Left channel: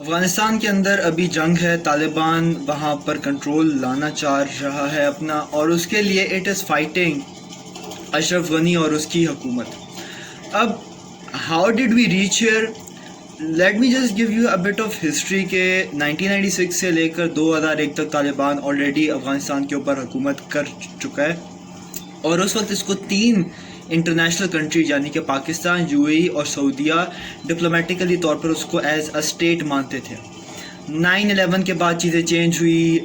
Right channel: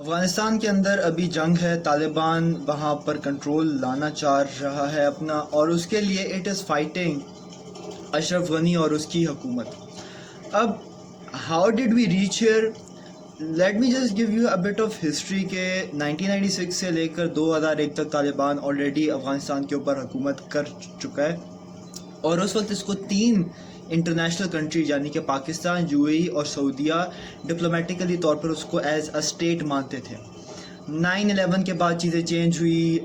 افغانستان کے اندر ابھی جنگ ہے، طالبان وہاں پر کنٹرول لانا چاہ رہا ہے اپنا، اور اس کے لیے it is fighting Ashraf Ghani اور اس کی حکومت. اب how did we reach here? Let me just give you a bit of history کہ 1996 سے لے کر 2001 تک طالبان آلریڈی افغانستان کے اوپر حکومت کر چکا ہے، اور اس وقت اس کو 3 انٹرنیشنل کنٹری یعنی کہ پاکستان، یو اے ای اور سعودیہ ڈپلومیٹیکلی طور پر اس کو ایز اے اسٹیٹ مانتے تھے. 9/11 کے بعد چیزیں چینج ہوئی،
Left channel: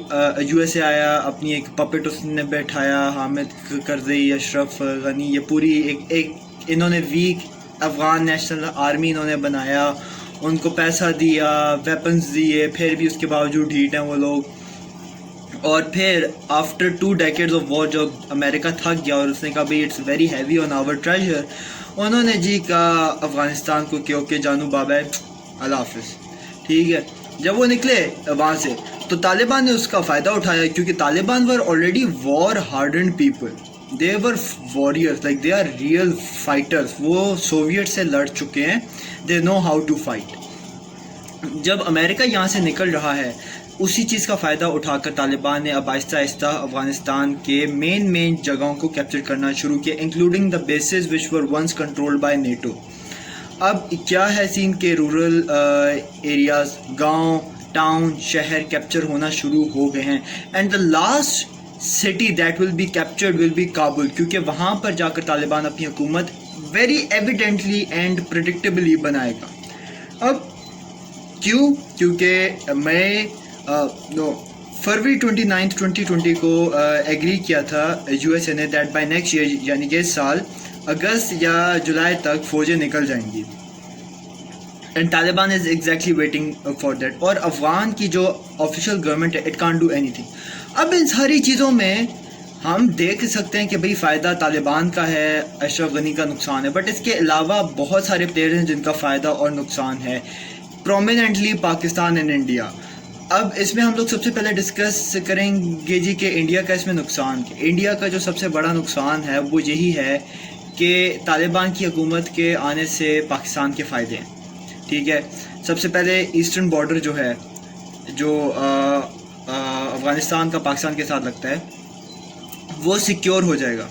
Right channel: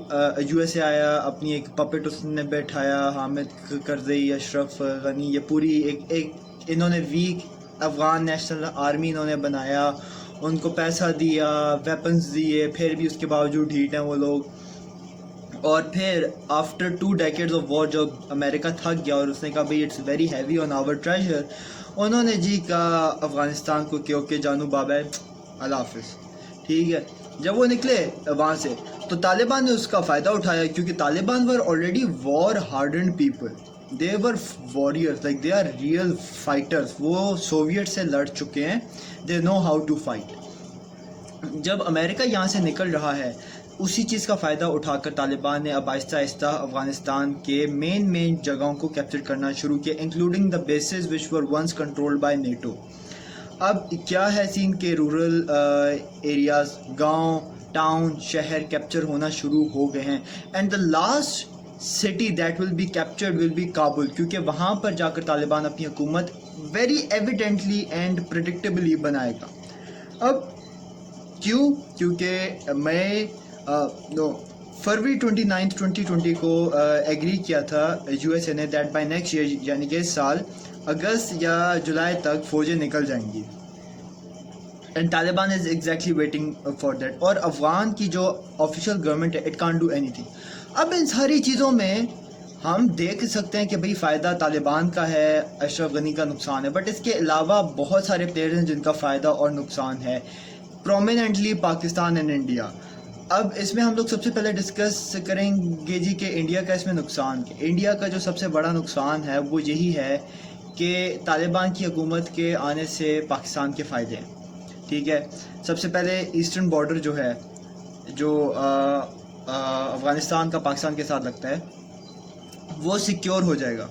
یو ایس اے آیا، اپنی ایک پپٹ اس نے بیٹھایا، حامد کرزئی، اشرف غنی، یہ پوری ایک انہوں نے ویک افغان نیشنل آرمی انہوں نے بنایا، ان کو پیسہ دیا، ویپنز دیے، پھر بھی اس کے باوجود ڈھیٹ ہیں وہ لوگ. اور پھر آفٹر 2 decades آف وار جب امریکہ تھک گیا اور اس نے کہا بھائی it's very heavy on our treasure, انہوں نے کہا افغانستان کو کہ اوکے جانو بابا اللہ حافظ. ٹھیک ہے، جب وہ نکلے وہاں سے تو طالبان نے اس کا فائدہ اٹھایا، کیونکہ Taliban were already war hardened people, they were warriors, like they are real fighters. وہ سوویٹ سے لڑ چکے ہیں، they know how to fight. جب امریکہ یہاں سے نکل رہا ہے، اسی چیز کا فائدہ اٹھا کر طالبان نے اب آہستہ آہستہ افغانستان کے مین جگہوں کو کیپچر کرنا شروع کیا، including the bases which were once controlled by NATO. اب کیا ہے سین کے رورل ایریاز، گاؤں، ٹاؤن، شہر کیپچر ہونا شروع ہو گئے ہیں، and the last city that will be captured will be Kabul, کیونکہ وہاں پر جا کر طالبان اپنی حکومت ویری ایویڈنٹلی اینڈ پریڈکٹیبلی بنائے گا. اب کیوں؟ کیونکہ میں فروری 29 2020 کو ایگری کیا تھا یو ایس اے نے دیٹ بائی نیکسٹ ایئر یعنی کہ اس سال اگست یا جولائی تک فوجیں نکل جائیں گی، and Taliban is exactly waiting for that. اور افغان کی جو آفیشیل گورنمنٹ ہے it can't do any thing. اب ان ساری چیزوں میں ہم دیکھ سکتے ہیں کہ بھئی فائدہ طالبان کا ہے، اشرف غنی کا نقصان ہے، بٹ اس کے علاوہ بہت سارے پلیئرز ہیں جن کا فائدہ اور نقصان ہے، پرومیننٹلی پاکستان اینڈ انڈیا. اب اس میں ہم لوگ سب سے پہلے ڈسکس کریں گے کہ انڈیا کا اس میں نقصان. انڈیا کا جو سب سے بڑا نقصان ہے وہ یہی ہے کہ طالبان کی حکومت کے آنے سے پاکستان کے فائدے ہیں. ٹھیک ہے، سب سے پہلے ایسٹرن بارڈر جو ہے، جو افغانستان کا پاکستان کے ساتھ لگتا ہے، وہ سیکیور ہو جائے گا.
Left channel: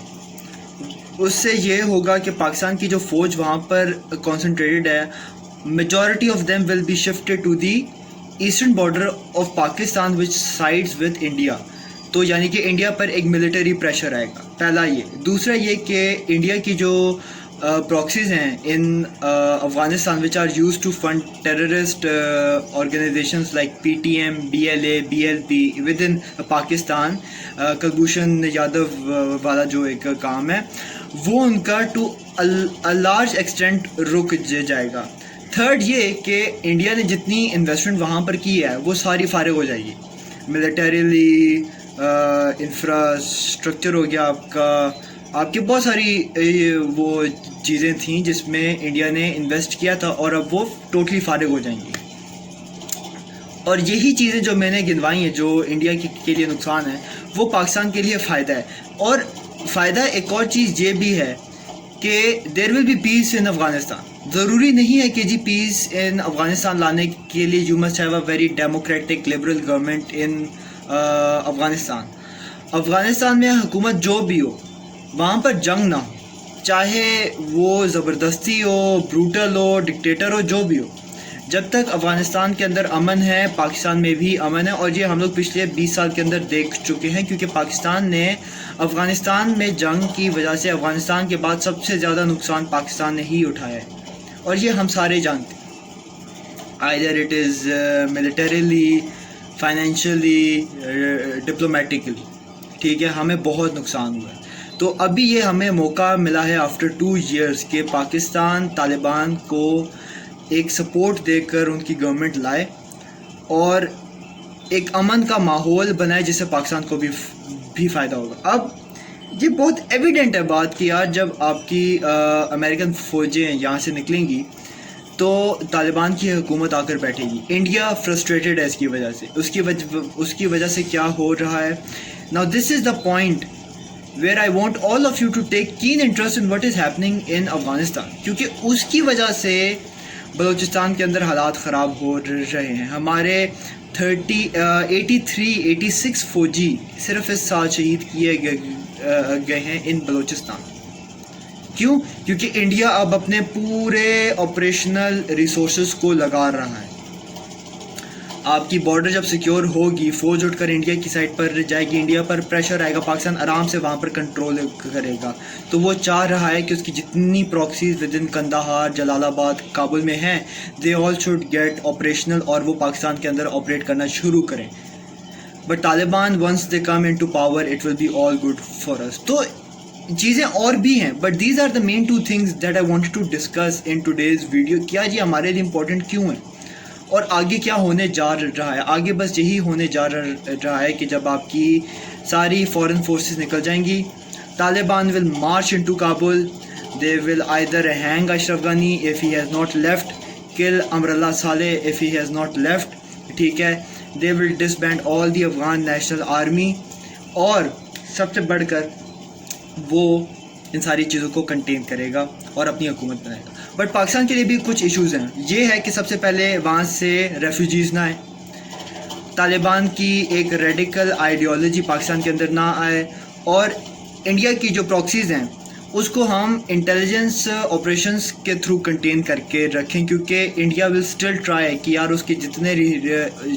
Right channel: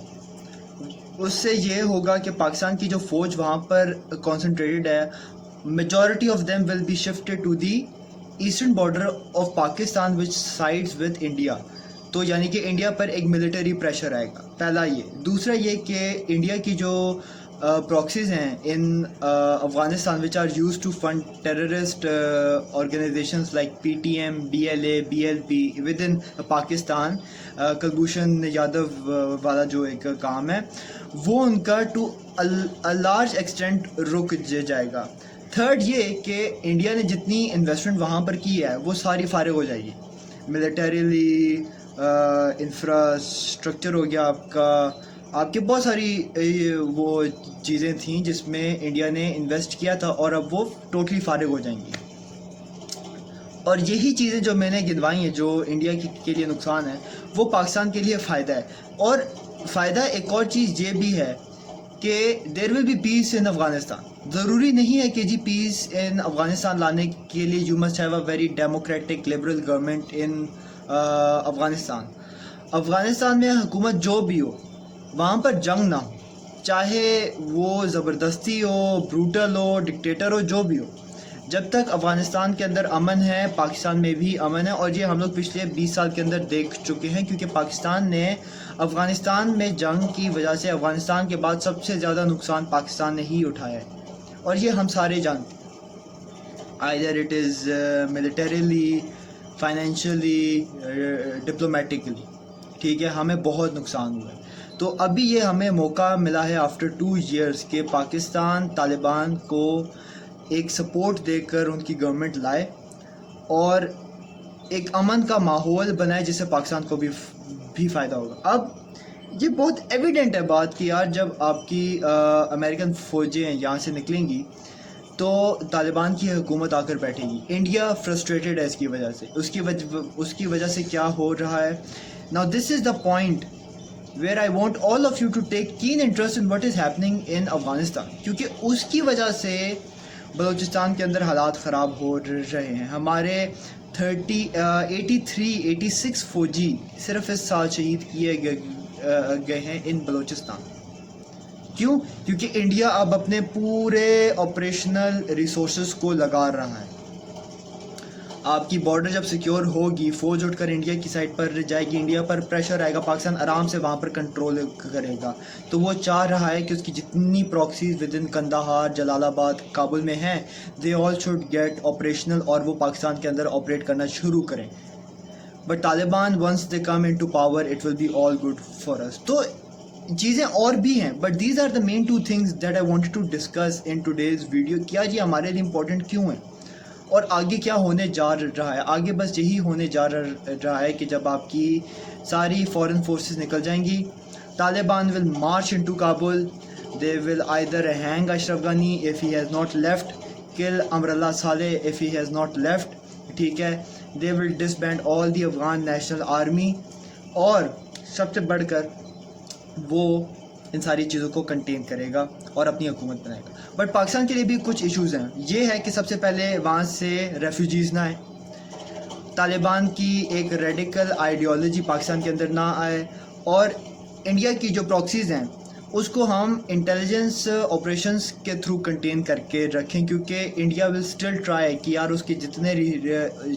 اس سے یہ ہوگا کہ پاکستان کی جو فوج وہاں پر کنسنٹریٹڈ ہے، majority of them will be shifted to the eastern border of Pakistan which sides with India. تو یعنی کہ انڈیا پر ایک ملٹری پریشر آئے گا، پہلا یہ. دوسرا یہ کہ انڈیا کی جو پراکسیز ہیں in Afghanistan which are used to fund terrorist organisations like P T M, B L A, B L P with in Pakistan, Kulbhushan Yadav والا جو ایک کام ہے، وہ ان کا ٹو لارج ایکسٹینٹ رک جائے گا. تھرڈ یہ کہ انڈیا نے جتنی انویسٹمنٹ وہاں پر کی ہے وہ ساری فارغ ہو جائے گی، ملٹریلی، انفراسٹرکچر ہو گیا آپ کے بہت ساری وہ چیزیں تھیں جس میں انڈیا نے انویسٹ کیا تھا، اور اب وہ ٹوٹلی فارغ ہو جائیں گی. اور یہی چیزیں جو میں نے گنوائی ہیں جو انڈیا کے لیے نقصان ہے، وہ پاکستان کے لیے فائدہ ہے. اور فائدہ ایک اور چیز یہ بھی ہے کہ دیر ول بی پیس ان افغانستان. ضروری نہیں ہے کہ پیس ان افغانستان لانے کے لیے you must have a very democratic liberal government in Afghanistan. Afghanistan میں حکومت جو بھی ہو، وہاں پر جنگ نہ ہو، چاہے وہ زبردستی ہو، بروٹل ہو، ڈکٹیٹر ہو، جو بھی ہو. جب تک افغانستان کے اندر امن ہے، پاکستان میں بھی امن ہے. اور یہ ہم لوگ پچھلے 20 سال کے اندر دیکھ چکے ہیں، کیونکہ پاکستان نے افغانستان میں جنگ کی وجہ سے افغانستان کے بعد سب سے زیادہ نقصان پاکستان نے ہی اٹھایا ہے، اور یہ ہم سارے جانتے ہیں. either it is militarily, financially, diplomatically. ٹھیک ہے، ہمیں بہت نقصان ہوا ہے. تو ابھی یہ ہمیں موقع ملا ہے آفٹر 2 years کہ پاکستان طالبان کو ایک سپورٹ دے کر ان کی گورنمنٹ لائے اور ایک امن کا ماحول بنائے جس سے پاکستان کو بھی فائدہ ہوگا. اب یہ بہت ایویڈنٹ ہے بات کہ یار جب آپ کی امریکن فوجیں یہاں سے نکلیں گی تو طالبان کی حکومت آ کر بیٹھے گی. انڈیا فرسٹریٹڈ ہے اس کی وجہ سے. اس کی وجہ سے کیا ہو رہا ہے؟ Now this is the point where I want all of you to take keen interest in what is happening in Afghanistan, کیونکہ اس کی وجہ سے بلوچستان کے اندر حالات خراب ہو رہے ہیں. ہمارے 86 فوجی صرف اس سال شہید کیے گئے ہیں ان بلوچستان. کیوں؟ کیونکہ انڈیا اب اپنے پورے آپریشنل ریسورسز کو لگا رہا ہے. آپ کی بارڈر جب سیکیور ہوگی، فوج اٹھ کر انڈیا کی سائڈ پر جائے گی، انڈیا پر پریشر آئے گا، پاکستان آرام سے وہاں پر کنٹرول کرے گا. تو وہ چاہ رہا ہے کہ اس کی جتنی proxies with in Kandahar, Jalalabad, Kabul میں ہیں، they all should get operational, اور وہ پاکستان کے اندر آپریٹ کرنا شروع کریں. But Taliban once they come into power it will be all good for us. تو چیزیں اور بھی ہیں، but these are the main two things that I wanted to discuss in today's video. کیا جی ہمارے لیے امپورٹنٹ کیوں ہیں اور آگے کیا ہونے جا رہا ہے؟ آگے بس یہی ہونے جا رہا ہے کہ جب آپ کی ساری فورن فورسز نکل جائیں گی، Taliban will march into Kabul, they will either hang Ashraf Ghani if he has not left, kill Amrullah Saleh if he has not left. ٹھیک ہے، they will disband all the Afghan national army, اور سب سے بڑھ کر وہ ان ساری چیزوں کو کنٹین کرے گا اور اپنی حکومت بنائے گا. بٹ پاکستان کے لیے بھی کچھ ایشوز ہیں. یہ ہے کہ سب سے پہلے وہاں سے ریفیوجیز نہ آئیں، طالبان کی ایک ریڈیکل آئیڈیالوجی پاکستان کے اندر نہ آئے، اور انڈیا کی جو پراکسیز ہیں اس کو ہم انٹیلیجنس آپریشنس کے تھرو کنٹین کر کے رکھیں، کیونکہ انڈیا ول اسٹل ٹرائی کہ یار اس کے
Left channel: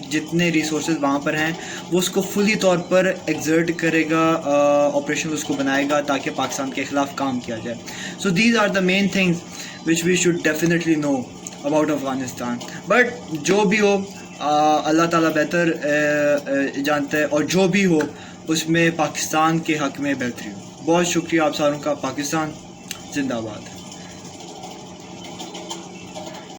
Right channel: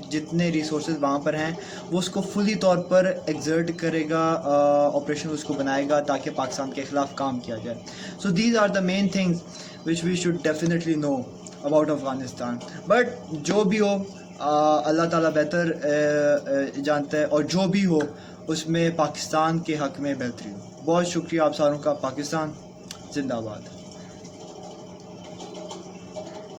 جتنے ریسورسز وہاں پر ہیں وہ اس کو فلی طور پر ایگزرٹ کرے گا، آپریشن اس کو بنائے گا تاکہ پاکستان کے خلاف کام کیا جائے. So these are the main things which we should definitely know about Afghanistan. But جو بھی ہو اللہ تعالیٰ بہتر جانتا ہے، اور جو بھی ہو اس میں پاکستان کے حق میں بہتری ہو. بہت شکریہ آپ ساروں کا. پاکستان زندہ باد.